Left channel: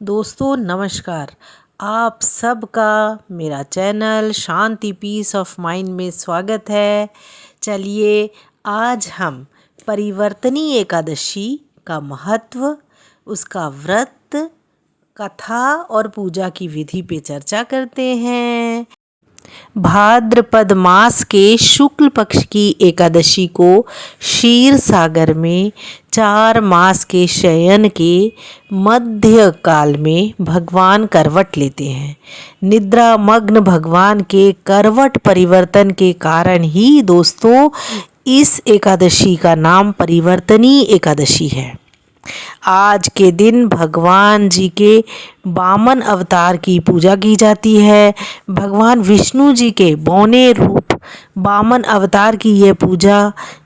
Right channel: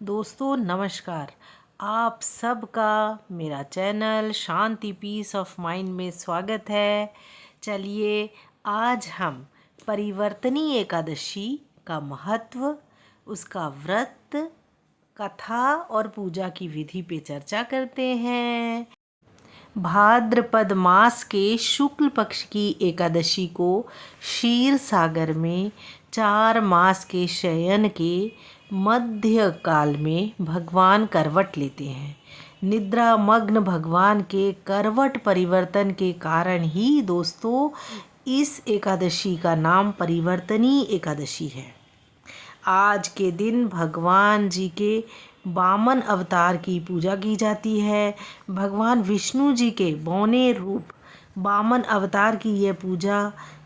दोस्तों नमस्कार। आप सबका मेरा channel Shanti peace of mind में स्वागत है। चलिए आज हम परिवर्तनी एकादशी का महत्व, उसका व्रत, कथा और पूजा की विधि पे चर्चा करते हैं। भाद्रपद मास के शुक्ल पक्ष की एकादशी को क्षीर सागर में 4 मास के शयन के मध्य काल में भगवान करवट लेते हैं। निद्रा मग्न भगवान के करवट परिवर्तन के कारण ही दोस्तों इस एकादशी का नाम परिवर्तनी एकादशी है। आज के दिन भगवान जी के वामन अवतार की पूजा की जाती है। भगवान विष्णु जी के बौने रूप वामन अवतार की यह पूजा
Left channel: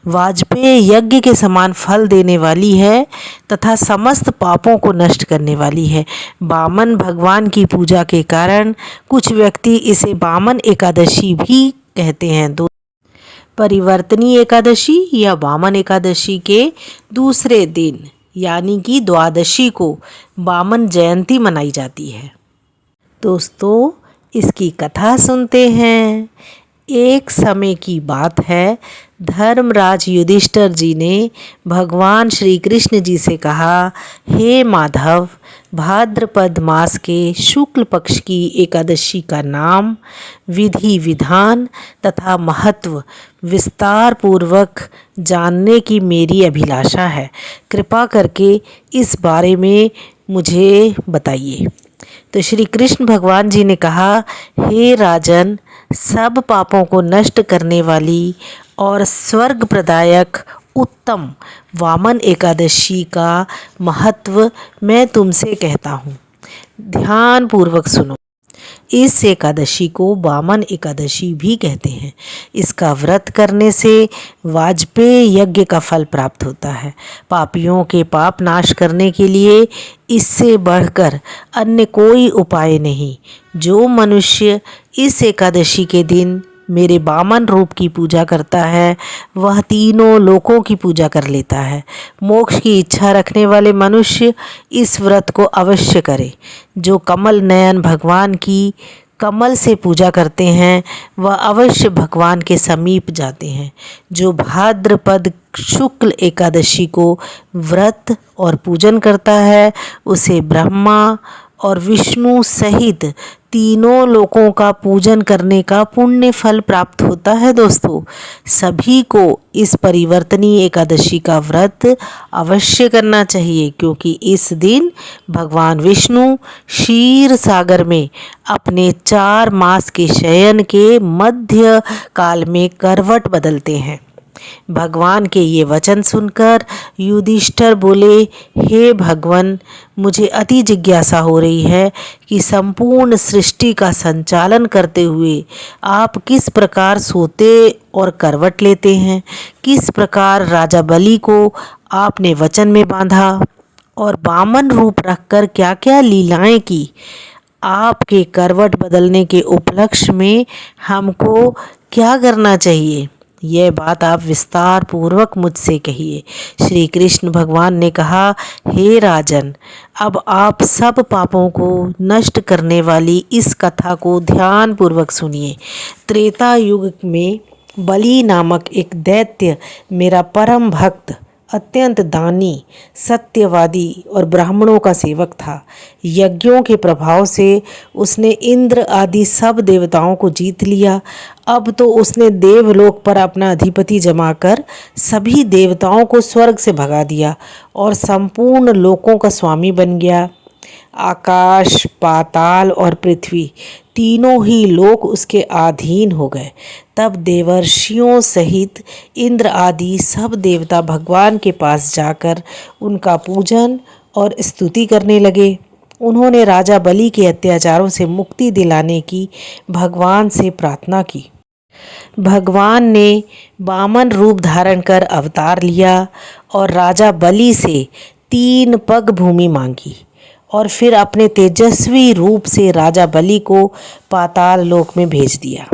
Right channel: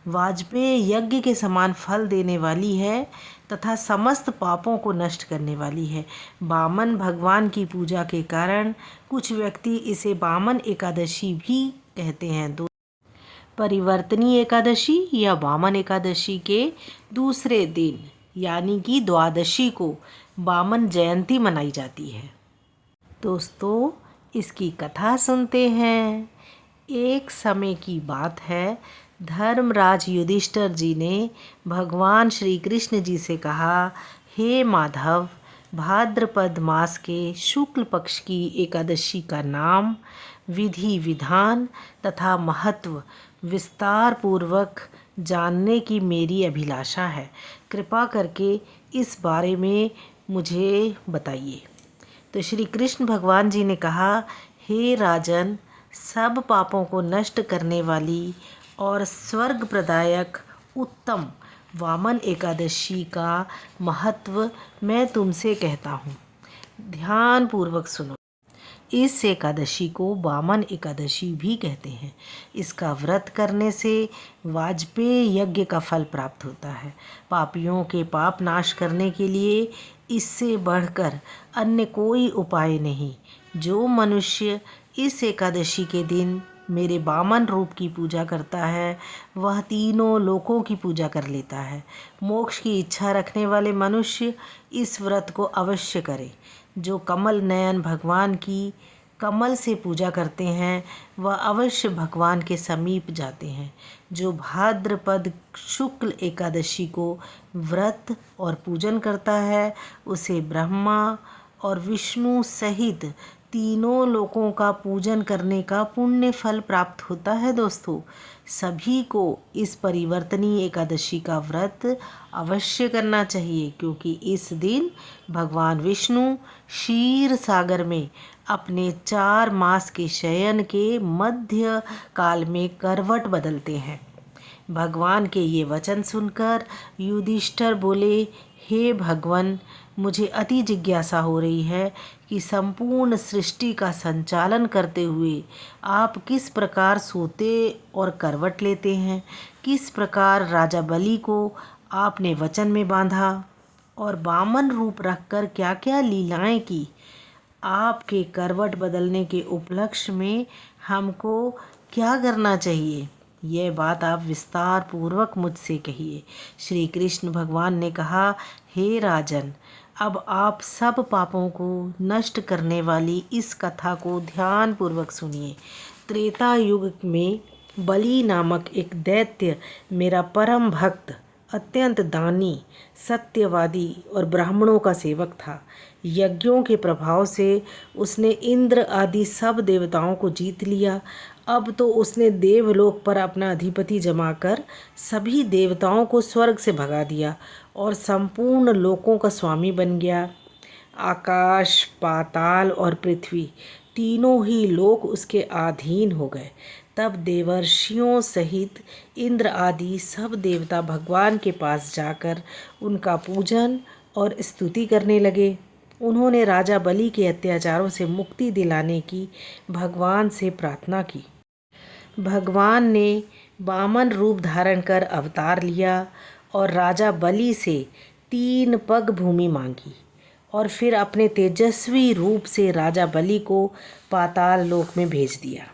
वाजपेय यज्ञ के समान फल देने वाली है तथा समस्त पापों को नष्ट करने वाली है। वामन भगवान की पूजा के कारण कुछ व्यक्ति इसे वामन एकादशी भी कहते हैं। परिवर्तनी एकादशी या वामन एकादशी के दूसरे दिन यानी कि द्वादशी को वामन जयंती मनाई जाती है। दोस्तों इसकी कथा सुनते हैं। एक समय की बात है, धर्मराज युधिष्ठिर जी ने भगवान श्री कृष्ण जी से कहा, हे माधव, भाद्रपद मास के शुक्ल पक्ष की एकादशी का नाम, विधि विधान तथा महत्व विस्तार पूर्वक जानने की मेरी अभिलाषा है। कृपा करके इस बारे में मुझे बताइए। तो श्री कृष्ण भगवान जी ने कहा, हे राजन, सब पापों को नष्ट करने वाली और स्वर्ग प्रदायक उत्तम वामन एकादशी का महत्व मैं तुमसे कहता हूँ। ध्यान पूर्वक सुनो। इस एकादशी को वामन एकादशी भी कहते हैं। इसका व्रत करने से वाजपेय यज्ञ का फल प्राप्त होता है। पापियों के पाप नाश करने के लिए इससे बढ़कर अन्य कोई उपाय नहीं। जो मनुष्य इस एकादशी के दिन मेरे वामन रूप की पूजा करता है वह तीनों लोकों की पूजा कर लेता है। मोक्ष की इच्छा रखने वाले मनुष्य इस व्रत को अवश्य करें। जो कमल नयन भगवान की कमल से पूजा करते हैं वह अवश्य भगवान के समीप जाते हैं। जो भाद्रपद शुक्ल एकादशी को व्रत और पूजन करता है उसे ब्रह्मा और विष्णु सहित तीनों लोकों का पूजन करने का पुण्य फल प्राप्त होता है। दोस्तों सभी को इस परिवर्तनी एकादशी का व्रत अवश्य करना चाहिए, क्योंकि इस दिन भगवान विष्णु क्षीर सागर में अपने 4 मास के शयन के मध्य काल में करवट बदलते हैं। भगवान के ये वचन सुनकर युधिष्ठिर बोले, हे भगवान, मुझे अति जिज्ञासा हो रही है कि संपूर्ण सृष्टि का संचालन करते हुए आप किस प्रकार सोते और करवट लेते हैं। किस प्रकार राजा बलि को आपने वचन में बांधा और वामन रूप रखकर क्या क्या लीलाएं की। आपके करवट बदलने के उपलक्ष्य में हमको क्या करना चाहिए, यह बात आप विस्तार पूर्वक मुझसे कहिए। श्री कृष्ण भगवान ने कहा, हे राजन, अब आप सब पापों को नष्ट करने वाली इस कथा को ध्यान पूर्वक सुनिए। त्रेता युग में बलि नामक एक दैत्य मेरा परम भक्त, अत्यंत दानी, सत्यवादी और ब्राह्मणों का सेवक था। यज्ञों के प्रभाव से उसने इंद्र आदि सब देवताओं को जीत लिया। अब तो उसने देवलोक पर अपना अधिपति जमाकर सभी देवताओं को स्वर्ग से भगा दिया और संपूर्ण लोकों का स्वामी बन गया। आकाश, पाताल और पृथ्वी तीनों ही लोक उसके अधीन हो गए। तब देवर्षियों सहित इंद्र आदि सब देवता भगवान के पास जाकर उनका पूजन और स्तुति करने लगे। उन्होंने राजा बलि के अत्याचारों से मुक्ति दिलाने की भगवान से प्रार्थना की। भगवान ने वामन रूप धारण कर अवतार लिया और राजा बलि से 3 पग भूमि मांगी और फिर अपने तेजस्वी रूप से राजा बलि को पाताल लोक में भेज दिया।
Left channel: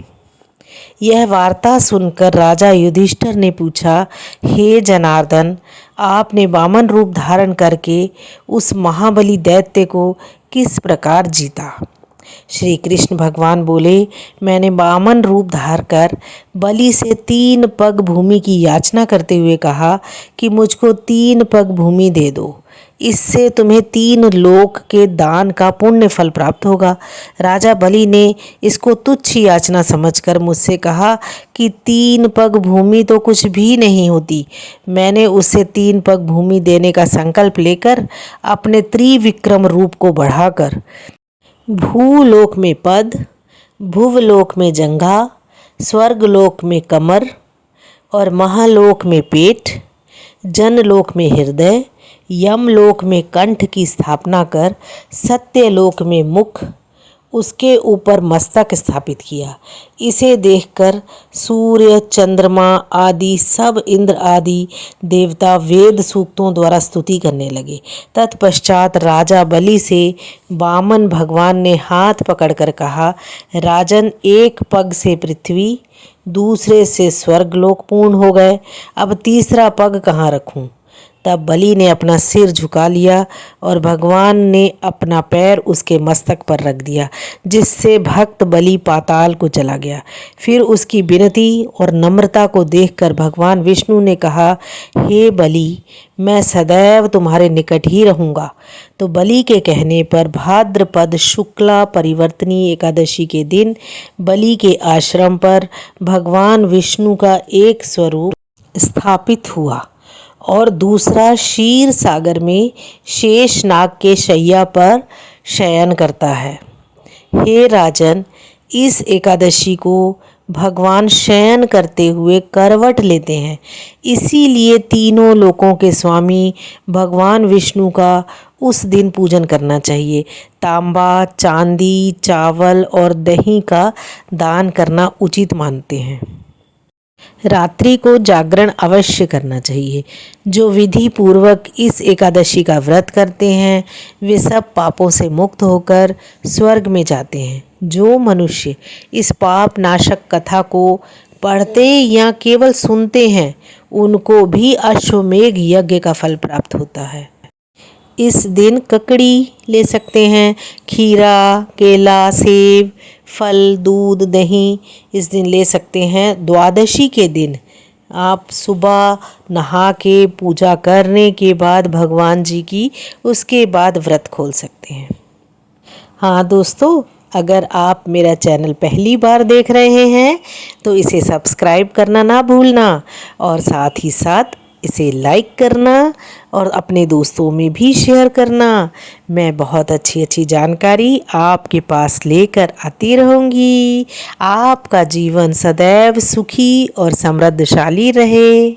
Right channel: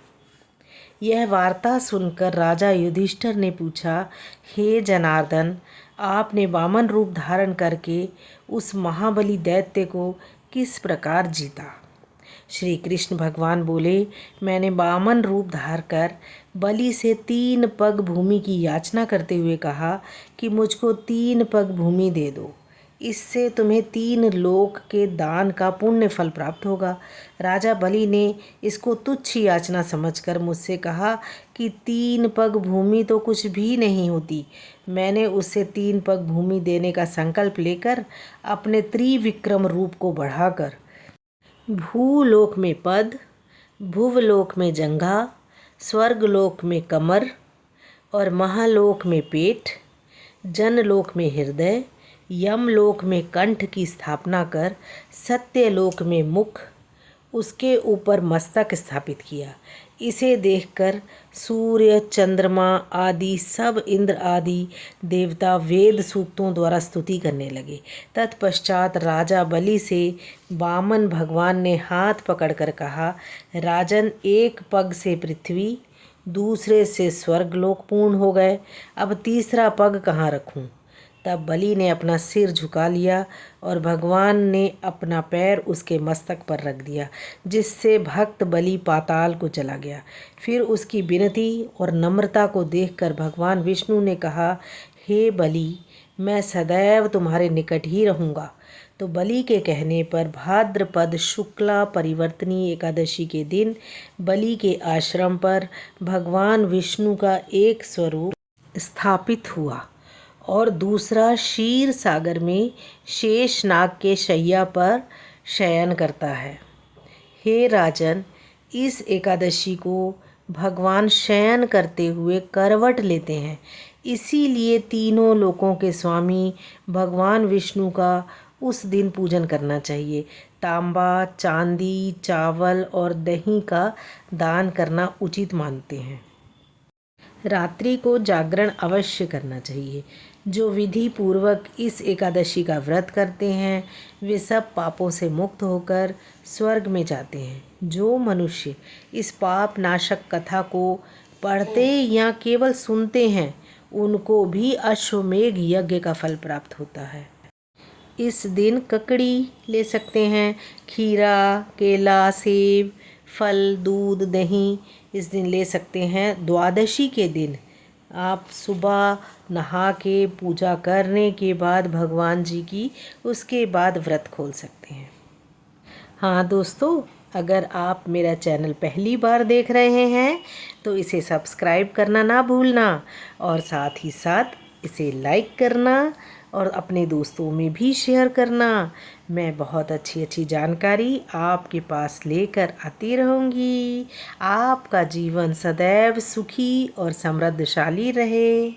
यह वार्ता सुनकर राजा युधिष्ठिर ने पूछा, हे जनार्दन, आपने वामन रूप धारण करके उस महाबली दैत्य को किस प्रकार जीता। श्री कृष्ण भगवान बोले, मैंने वामन रूप धार कर बलि से 3 पग भूमि की याचना करते हुए कहा कि मुझको 3 पग भूमि दे दो, इससे तुम्हें 3 लोक के दान का पुण्य फल प्राप्त होगा। राजा बलि ने इसको तुच्छ याचना समझकर मुझसे कहा कि 3 पग भूमि तो कुछ भी नहीं होती। मैंने उसे 3 पग भूमि देने का संकल्प लेकर अपने त्रिविक्रम रूप को बढ़ाकर भूलोक में पद, भुवलोक में जंघा, स्वर्गलोक में कमर और महालोक में पेट, जनलोक में हृदय, यमलोक में कंठ की स्थापना कर सत्यलोक में मुख, उसके ऊपर मस्तक स्थापित किया। इसे देखकर सूर्य, चंद्रमा आदि सब इंद्र आदि देवता वेद सूक्तों द्वारा स्तुति करने लगे। तत्पश्चात राजा बलि से वामन भगवान ने हाथ पकड़कर कहा, राजन, एक पग से पृथ्वी, दूसरे से स्वर्गलोक पूर्ण हो गए, अब तीसरा पग कहाँ रखूं। तब बलि ने अपना सिर झुका लिया और भगवान ने अपना पैर उसके मस्तक पर रख दिया, जिससे भक्त बलि पाताल को चला गया। फिर उसकी विनती और नम्रता को देखकर भगवान विष्णु ने कहा, हे बलि, मैं सदैव तुम्हारे निकट ही रहूँगा। तो बलि के कहने पर भाद्रपद शुक्ला परिवर्तनी एकादशी के दिन बलि के आश्रम पर भगवान विष्णु का एक स्वरूप स्थापित हुआ और दूसरा क्षीर सागर में शेष नाग के शैया पर शयन करता है। हे राजन, इस एकादशी को भगवान शयन करते हुए करवट लेते हैं, इसीलिए तीनों लोकों के स्वामी भगवान विष्णु का उस दिन पूजन करना चाहिए। तांबा, चांदी, चावल और दही का दान करना उचित मानते हैं। रात्रि को जागरण अवश्य करना चाहिए। जो विधि पूर्वक इस एकादशी का व्रत करते हैं वे सब पापों से मुक्त होकर स्वर्ग में जाते हैं। जो मनुष्य इस पाप नाशक कथा को पढ़ते या केवल सुनते हैं उनको भी अश्वमेघ यज्ञ का फल प्राप्त होता है। इस दिन ककड़ी ले सकते हैं, खीरा, केला, सेब, फल, दूध, दही इस दिन ले सकते हैं। द्वादशी के दिन आप सुबह नहा के पूजा करने के बाद भगवान जी की उसके बाद व्रत खोल सकते हैं। हाँ दोस्तों, अगर आप मेरा चैनल पहली बार देख रहे हैं तो इसे सब्सक्राइब करना ना भूलना और साथ ही साथ इसे लाइक करना और अपने दोस्तों में भी शेयर करना। मैं बहुत अच्छी जानकारी आपके पास लेकर आती रहूँगी। आपका जीवन सदैव सुखी और समृद्धशाली रहे।